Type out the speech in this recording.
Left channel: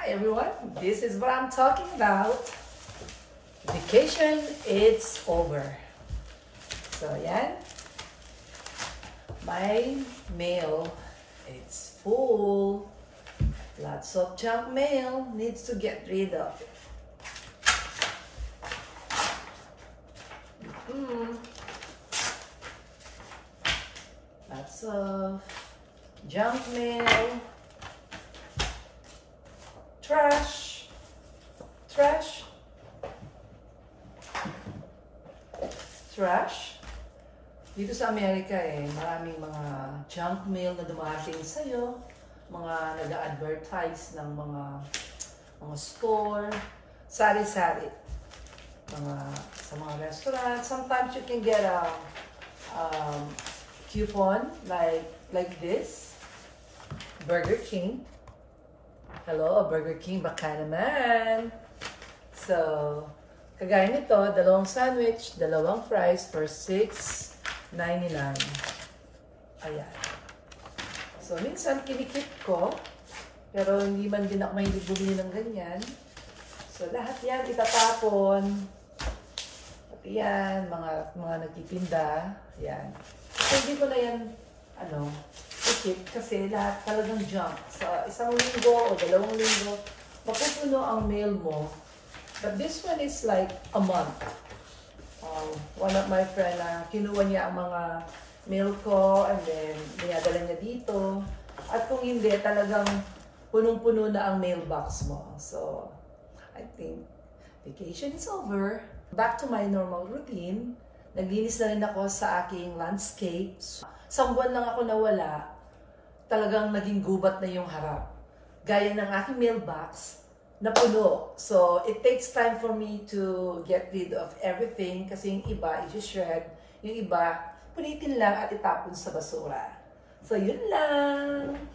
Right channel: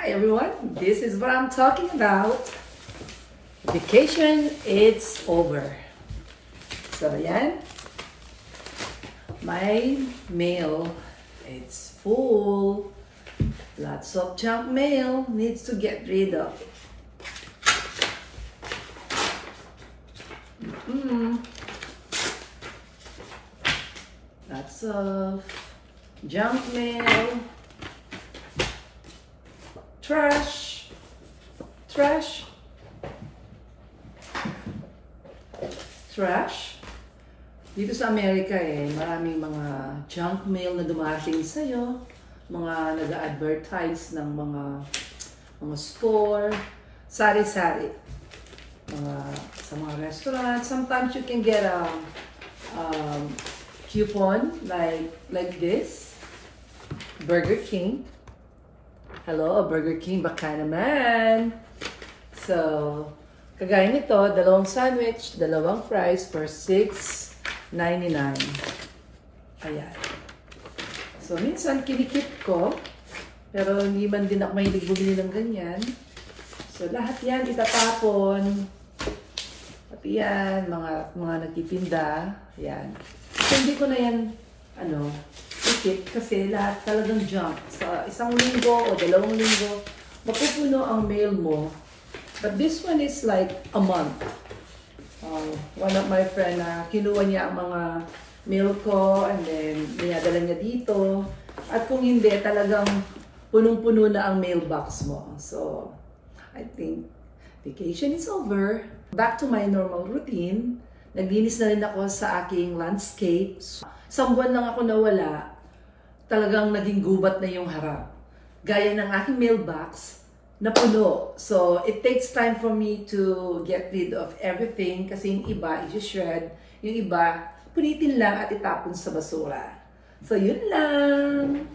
Hi everyone, this is what I'm talking about. Vacation, it's over. So yan, my mail, it's full. Lots of junk mail needs to get rid of. Lots of junk mail. Trash. Dito sa Amerika maraming mga junk mail na dumating sa'yo. Mga nag-advertise ng mga store. Sari-sari. Sa mga restaurant. Sometimes you can get a coupon like this. Burger King. Hello, Burger King, baka naman. So, kagaya nito, dalawang sandwich, dalawang fries for $6.99. Ayan. So, minsan kinikip ko, pero hindi man din ako mahilig bumili ng ganyan. So, lahat yan itatapon. Pati yan, mga nagtitinda. Ayan. So, hindi ko na yan, ikip kasi lahat talagang junk. Sa isang linggo o dalawang linggo, mapupuno ang mail mo. But this one is like a month. One of my friend, kinuha niya ang mga mail ko and then dinadala niya dito. At kung hindi, talagang punong-puno na ang mailbox mo. So, I think vacation is over. Back to my normal routine. Naglinis na rin ako sa aking landscape. Isang buwan lang ako nawala, talagang naging gubat na yung harap. Gaya ng aking mailbox, napuno. So, it takes time for me to get rid of everything kasi yung iba, i-shred. Yung iba, punitin lang at itapon sa basura. So, yun lang.